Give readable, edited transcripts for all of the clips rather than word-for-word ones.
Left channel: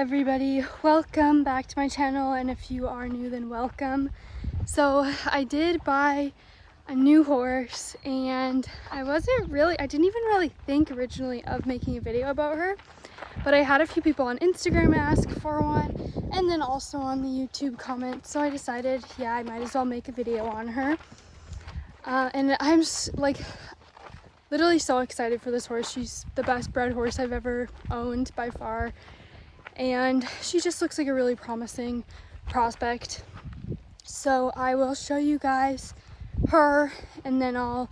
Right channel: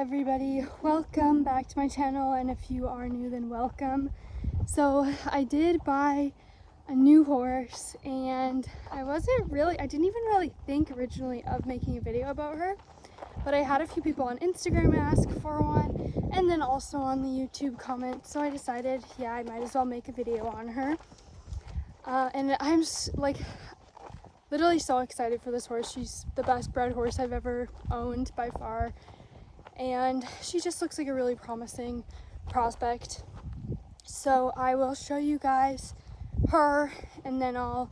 everybody, welcome back to my channel, and if you are new then welcome. So I did buy a new horse, and I didn't even really think originally of making a video about her, but I had a few people on Instagram ask for one, and then also on the YouTube comments, so I decided, yeah, I might as well make a video on her. And I'm like literally so excited for this horse. She's the best bred horse I've ever owned by far, and she just looks like a really promising prospect. So I will show you guys her, and then I'll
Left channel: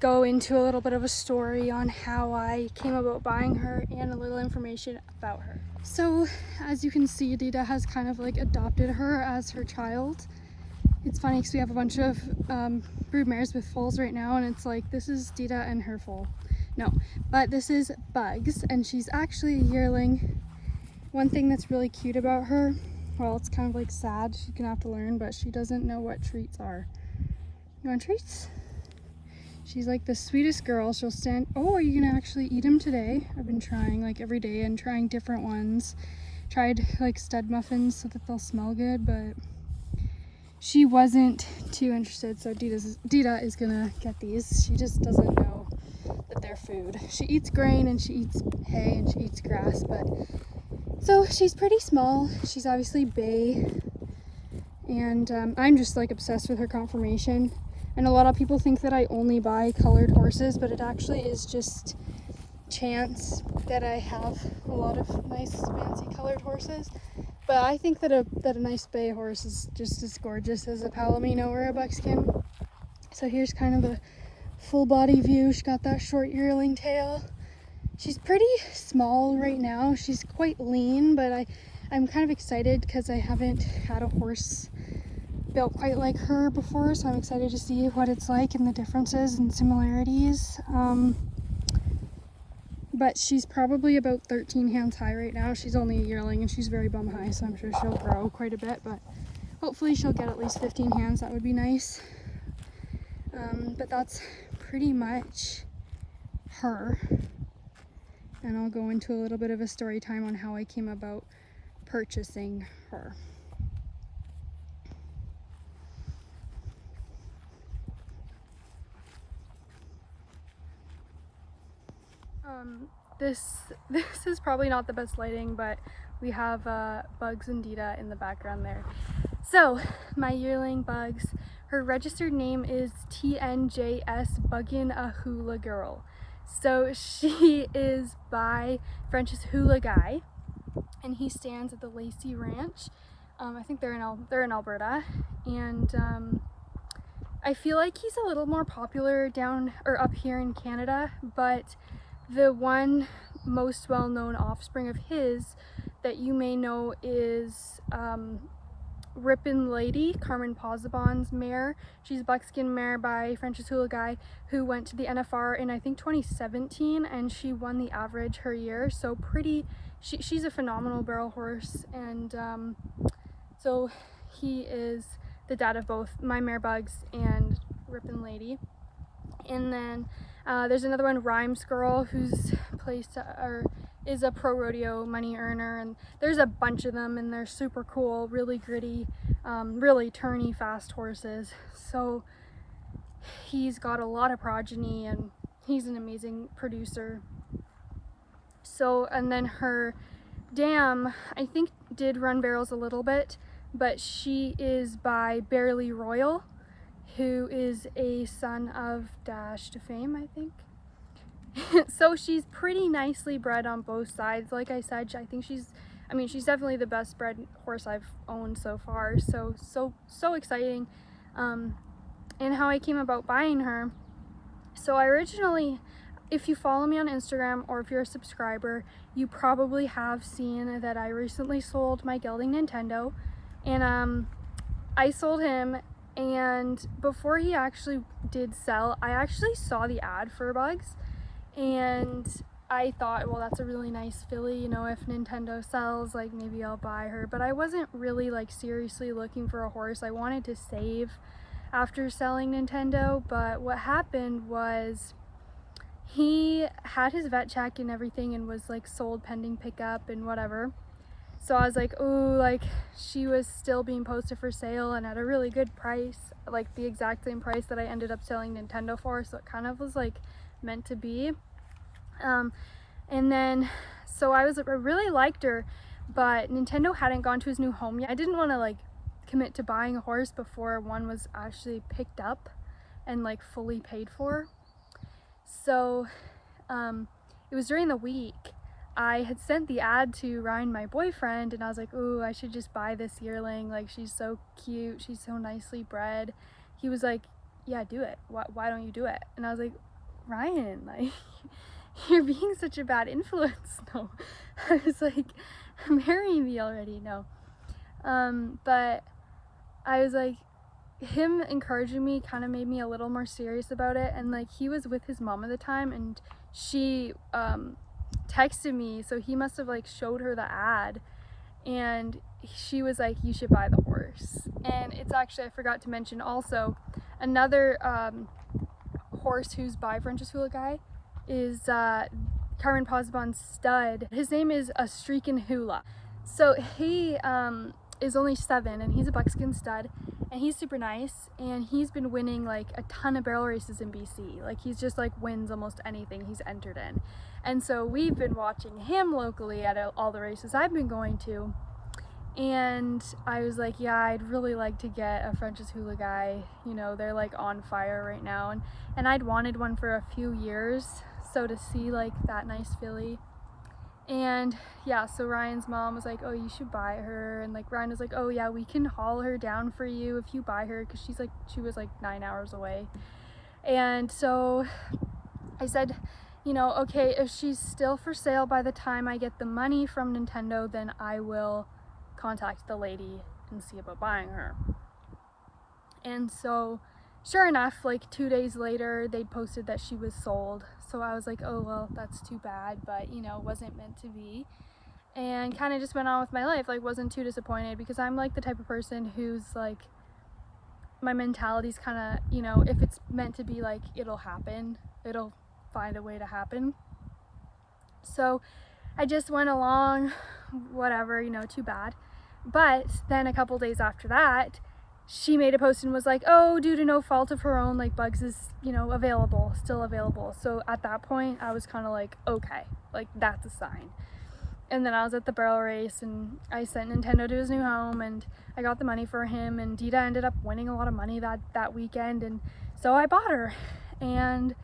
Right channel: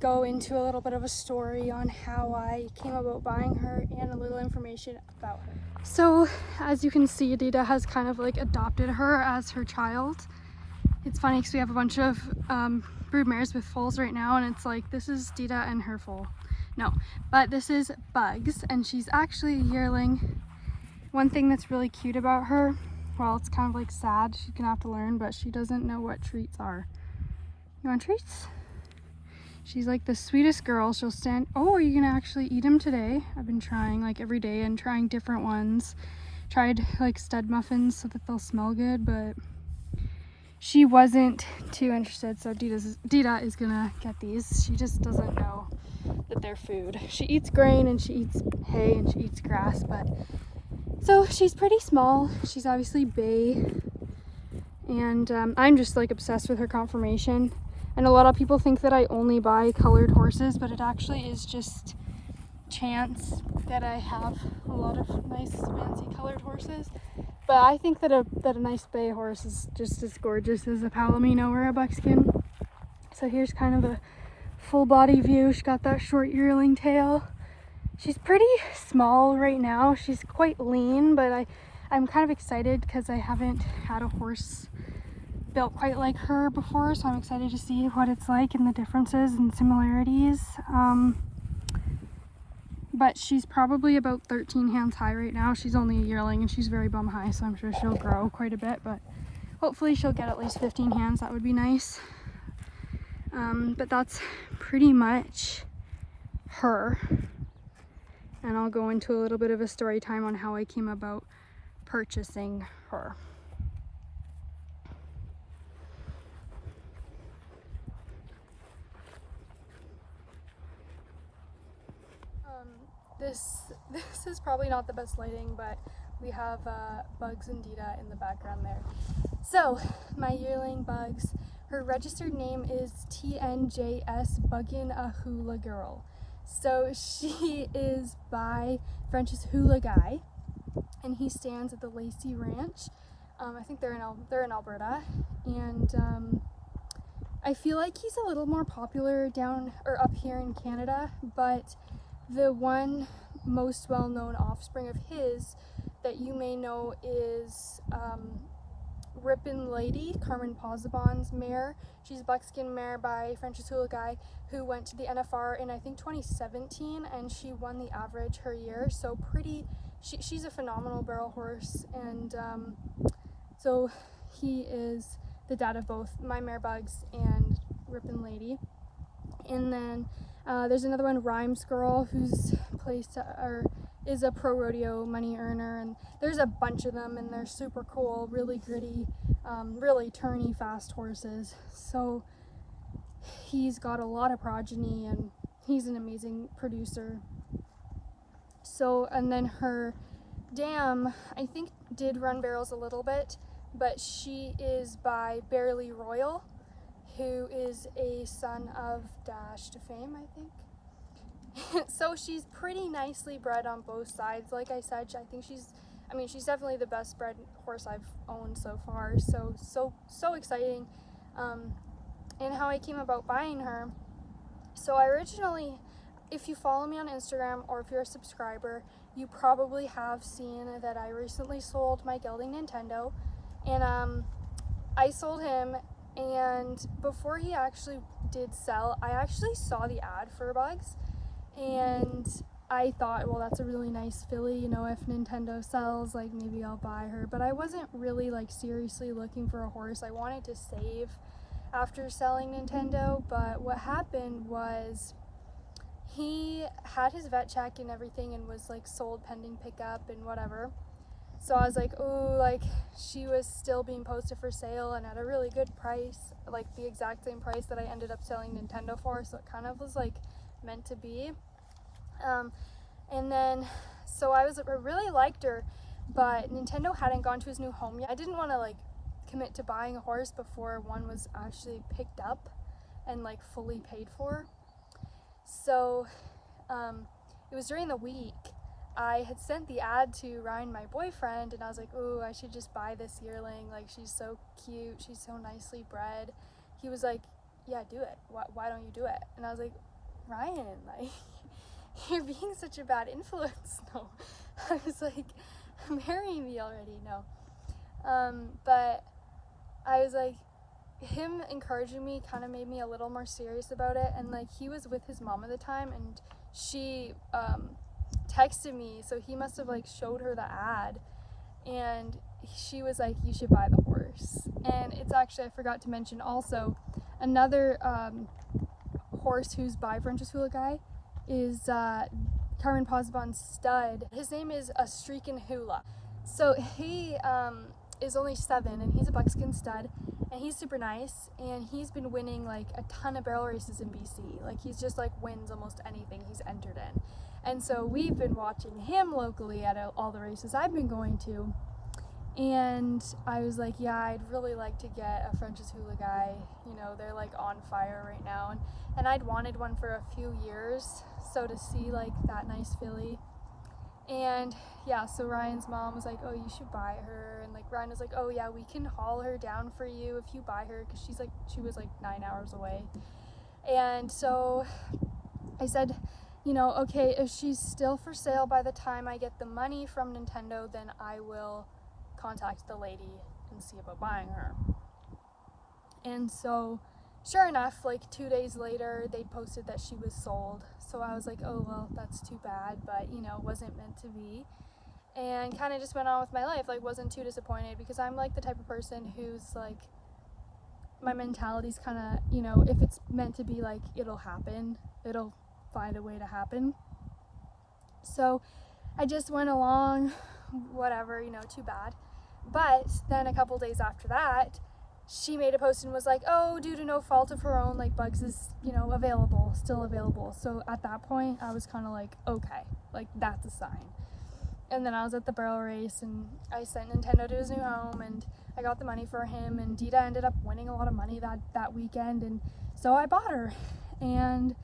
go into a little bit of a story on how I came about buying her and a little information about her. So as you can see, Dita has kind of like adopted her as her child. It's funny because we have a bunch of broodmares with foals right now, and it's like, this is Dita and her foal. No, but this is Bugs, and she's actually a yearling. One thing that's really cute about her, well, it's kind of like sad, she's gonna have to learn, but she doesn't know what treats are. You want treats? She's like the sweetest girl. She'll stand, oh, are you gonna actually eat them today? I've been trying like every day and trying different ones. Tried like stud muffins so that they'll smell good, but she wasn't too interested, so Dita is gonna get these. She just doesn't know that they're food. She eats grain and she eats hay and she eats grass, but so she's pretty small. She's obviously bay, and I'm just like obsessed with her conformation. And a lot of people think that I only buy colored horses, but it actually is just chance that I have a lot of nice fancy colored horses. But I think that a nice bay horse is just as gorgeous as a palomino or a buckskin. So here's kind of a full body view. She's got that short yearling tail. She's pretty small right now. She's quite lean, but I'm kind of excited because I haven't had a horse built quite like her before, so I'm excited to see what it's like and the differences and similarities. But she's probably about 13 hands high right now. She's only a yearling and she's very bum high, so I'm sure she'll grow quite a bit, but hopefully she'll get at least 15 hands. That would be nice. But that's pretty much her. And I'll go into a little bit of a story time on how I came about purchasing her. This is probably not the best lighting, but we have Bugs and Dita in the background there. So my yearling Bugs, her registered name is TNJS Buggin' a Hula Girl. So she is by French's Hula Guy, and he stands at the Lacey Ranch. I think they're in Alberta, and I feel like he's a little more popular down or up here in Canada, but the one most well-known offspring of his that you may know is Rippin' Lady, Carmen Posabon's mare. She's a buckskin mare by French's Hula Guy, who went to the NFR in I think 2017, and she won the average her year. So she's a phenomenal barrel horse, and so he is the dad of both my mare Bugs and Rippin' Lady. And then there's another one, Rhymes Girl, who's is a pro rodeo money earner, and there's a bunch of them, and they're super cool, really gritty, really turny, fast horses. So he's got a lot of progeny, and he's an amazing producer. So, and then her dam, I think, did run barrels a little bit, but she is by Barely Royal, who is a son of Dash to Fame, I think. So she's pretty nicely bred on both sides. Like I said, I think she's definitely the best bred horse I've owned so far. So exciting. And how I came about buying her. So I originally, if you follow me on Instagram or if you're a subscriber, you probably have seen that I recently sold my gelding Nintendo, and I sold him. And before he actually did sell, I actually saw the ad for Bugs, and I thought, well, that's a really nice filly, you know, if Nintendo sells, like, maybe I'll buy her. But I wasn't really like seriously looking for a horse. I wanted to save after selling Nintendo, but what happened was he had his vet check and everything and was like sold pending pickup and whatever. So I was like, oh, like she was still being posted for sale and at a really good price, like the exact same price that I ended up selling Nintendo for, so it kind of was like meant to be. And then so I really liked her, but Nintendo hadn't gone to his new home yet. I didn't want to like commit to buying a horse before one was actually picked up and like fully paid for. So it was during the week. I had sent the ad to Ryan, my boyfriend, and I was like, oh, I should just buy this yearling, like she's so cute, she's so nicely bred. He was like, yeah, do it. Why don't you do it? And I was like, Ryan, like you're being such a bad influence. No. I was like, marry me already. No. But I was like, him encouraging me kind of made me a little more serious about it. And like he was with his mom at the time, and she texted me, so he must have like showed her the ad, and she was like, you should buy the horse. And it's actually, I forgot to mention also, another horse who's by French's Hula guy is Carmen Posbon's stud. His name is a Streakin' Hula. So he is only 7, and he's a buckskin stud, and he's super nice, and he's been winning like a ton of barrel races in BC. Like he's just like wins almost anything he's entered in. And so we've been watching him locally at all the races I've been going to. And I was like, yeah, I'd really like to get a French's Hula guy. You know, they're like on fire right now. And I'd wanted one for a few years. So to see like that nice filly. And yeah, so Ryan's mom was like, oh, you should buy her. And like Ryan was like, oh yeah, we can haul her down for you if you buy her, because she was like 9 hours away. And so I said, you know, okay, if she's still for sale by the time I get the money from Nintendo, then I will contact the lady and see about buying her. And so sure enough, like 2 days later, they posted that she was sold. So I was like, oh well, that's too bad, but you know, wasn't meant to be. And kind of just went on with my life, like wasn't too disappointed, because I'm like the type of person who's like, my mentality's kind of, you know, if it's meant to be, like it'll happen, it'll find a way to happen. So I just went along, whatever, you know, too bad. But then a couple days after that, she made a post and was like, oh, due to no fault of her own, like Bugs is, you know, still available. So at that point I was kind of like, okay, like that's a sign. And then I was at the barrel race, and I sent Nintendo to his new home, and I got the money for him, and Dita ended up winning a lot of money that weekend, and so I bought her and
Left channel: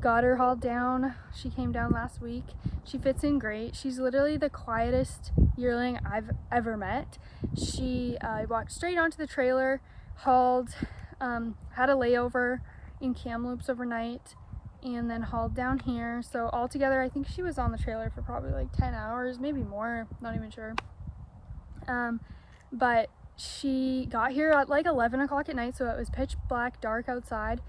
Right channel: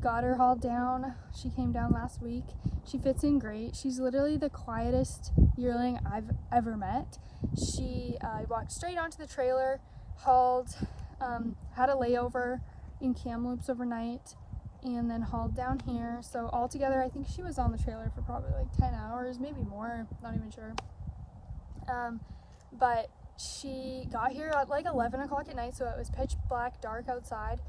got her hauled down. She came down last week. She fits in great. She's literally the quietest yearling I've ever met. She walked straight onto the trailer, hauled, had a layover in Kamloops overnight, and then hauled down here. So altogether, I think she was on the trailer for probably like 10 hours, maybe more, not even sure. But she got here at like 11 o'clock at night, so it was pitch black, dark outside.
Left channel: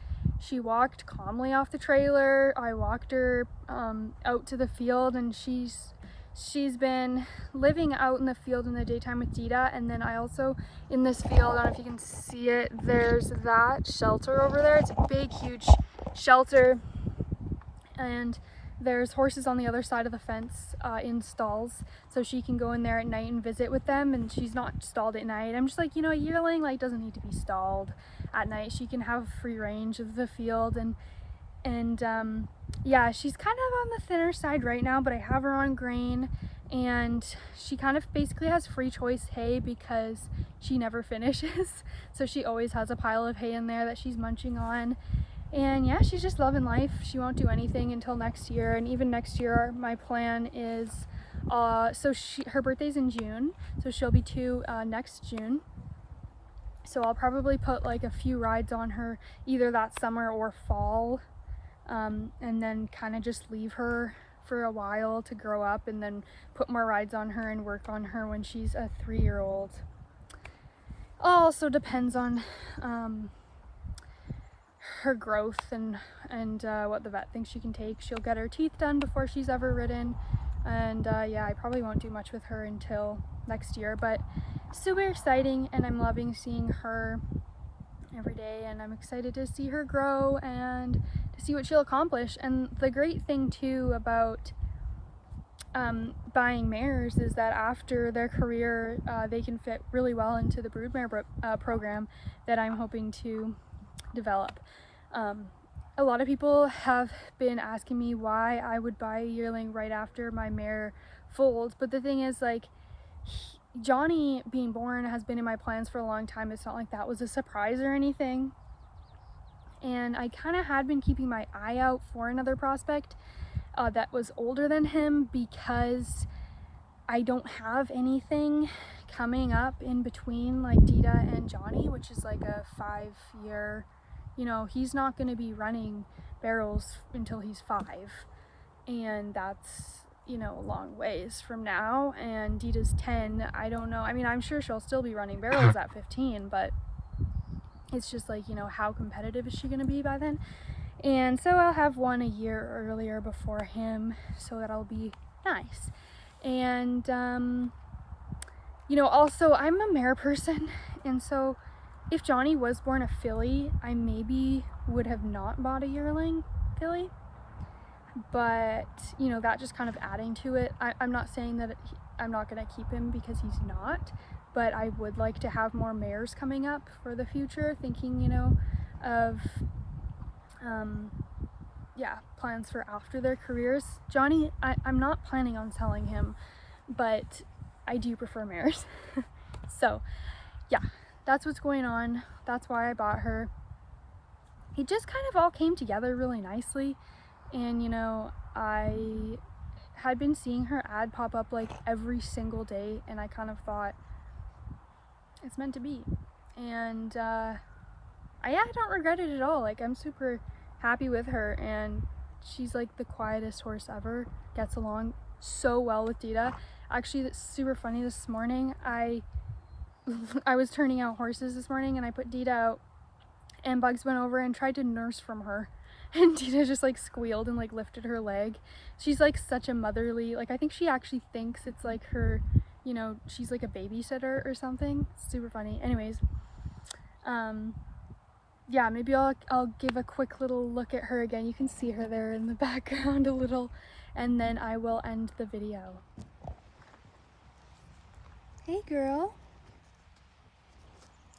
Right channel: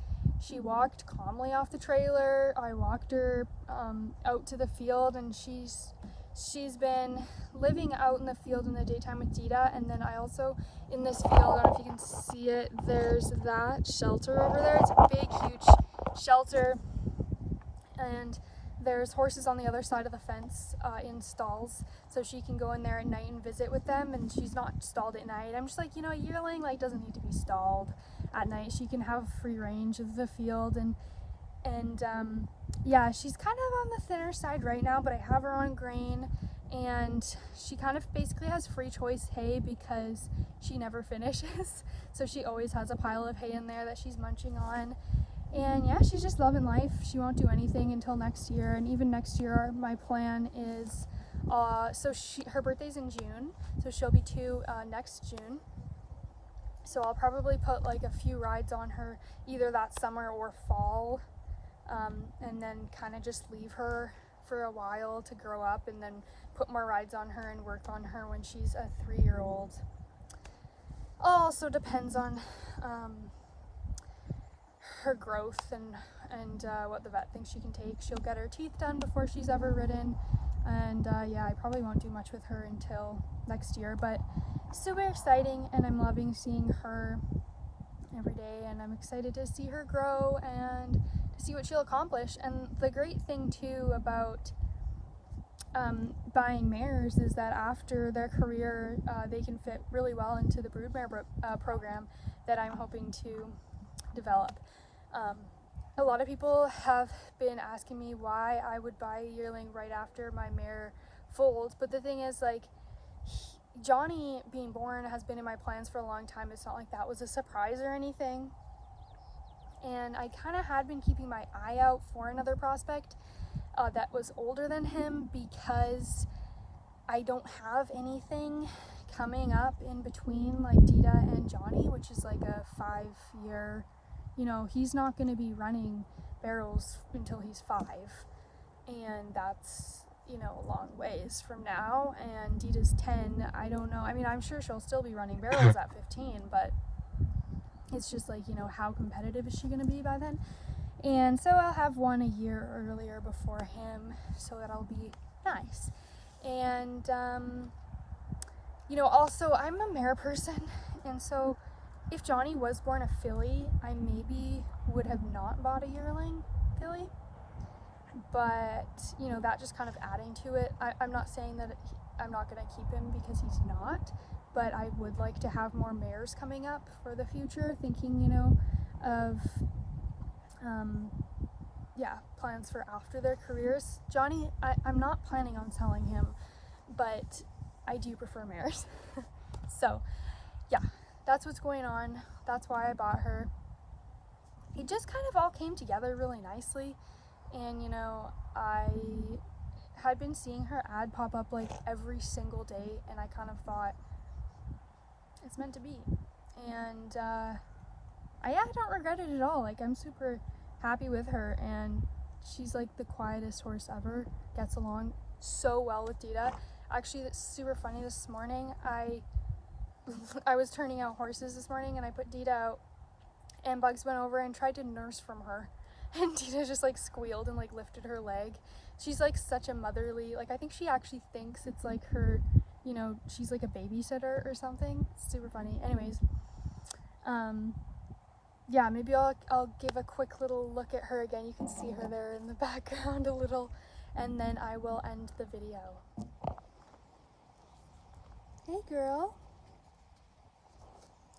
She walked calmly off the trailer. I walked her out to the field, and she's been living out in the field in the daytime with Dita. And then I also, in this field, I don't know if you can see it, there's that shelter over there. It's a big, huge shelter, and there's horses on the other side of the fence in stalls, so she can go in there at night and visit with them, and she's not stalled at night. I'm just like, you know, a yearling like doesn't need to be stalled at night. She can have free range of the field, and yeah, she's kind of on the thinner side right now, but I have her on grain, and she kind of basically has free choice hay because she never finishes. So she always has a pile of hay in there that she's munching on. And yeah, she's just loving life. She won't do anything until next year, and even next year my plan is her birthday's in June, so she'll be 2 next June. So I'll probably put like a few rides on her either that summer or fall, and then kind of just leave her for a while to grow up, and then put more rides on her and work on her when she's a 3-year-old. Also depends on her growth and what the vet thinks she can take. She'll get her teeth done before she's ever ridden, and yeah, I probably won't do much with her until next year, but super exciting, and I'm loving seeing her every day, and I'm excited to see her grow and to see what she'll accomplish. And the great thing too about buying mares is that after their career, they can fit really well into the Broodmare program that I'm hoping to develop. A lot of people have been asking me why I would buy a yearling right after my mare foals, but the thing is, like, Johnny being born has been in my plans for a long time. It's not like that was a surprise or anything, and I kind of had been keeping my eye out for another prospect that was older than him, because I don't have anything coming up in between like Dita and Johnny, which is like a 5-year, you know, he's not going to be running barrels until he's 5, and that's, you know, a long ways from now. And Dita's 10. I don't know, I mean, I'm sure she'll still be running barrels at 15, but it's just like, you know, how competitive is she going to be by then? And so I'll have one a year earlier before him, so that'll be nice. And you know, also I'm a mare person, and so if Johnny was born a filly, I maybe would have not bought a yearling filly, but you know, that just kind of adding to it. I'm not saying that I'm not going to keep him, because he's not, but I would like to have more mares coming up for the future, thinking, you know, of yeah, plans for after their careers. Johnny, I'm not planning on selling him, but I do prefer mares. So yeah, that's what's going on. That's why I bought her. It just kind of all came together really nicely, and you know, I had been seeing her ad pop up like every single day, and I kind of thought it's meant to be. And I don't regret it at all. Like, I'm super happy with her, and she's like the quietest horse ever, gets along so well with Dita. Actually, that's super funny. This morning I was turning out horses this morning, and I put Dita out, and Bugs went over and tried to nurse from her, and Dita just like squealed and like lifted her leg. She's like such a motherly, like, I think she actually thinks it's like her, you know, she's like a babysitter or something. Super funny. Anyways, yeah, maybe I'll give a quick little look at her again. You can see her there in the background a little, and then I will end the video. Hey girl.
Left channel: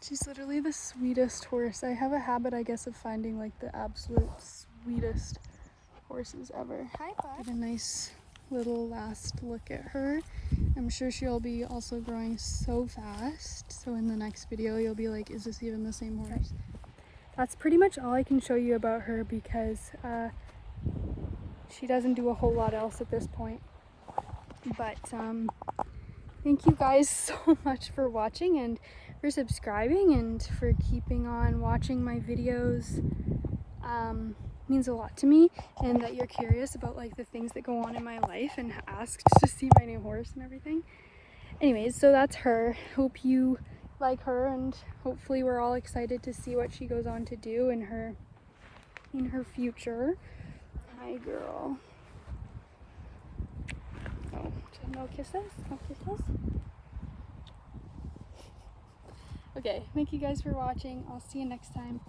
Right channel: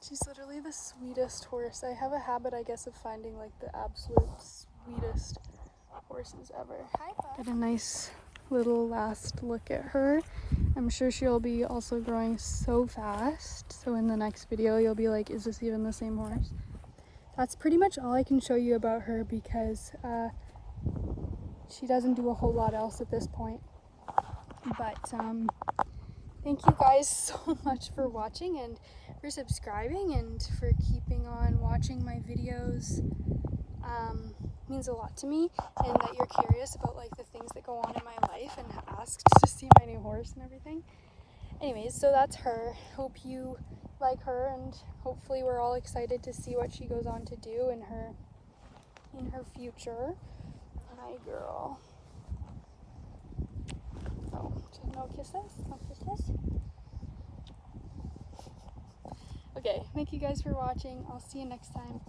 She's literally the sweetest horse. I have a habit, I guess, of finding like the absolute sweetest horses ever. Hi, Bob. Get a nice little last look at her. I'm sure she'll be also growing so fast, so in the next video you'll be like, is this even the same horse? That's pretty much all I can show you about her, because she doesn't do a whole lot else at this point. But thank you guys so much for watching, and for subscribing, and for keeping on watching my videos. Means a lot to me, and that you're curious about like the things that go on in my life and asked to see my new horse and everything. Anyways, so that's her. Hope you like her, and hopefully we're all excited to see what she goes on to do in her future. Hi girl. Oh, no kisses? No kisses? Okay, thank you guys for watching. I'll see you next time.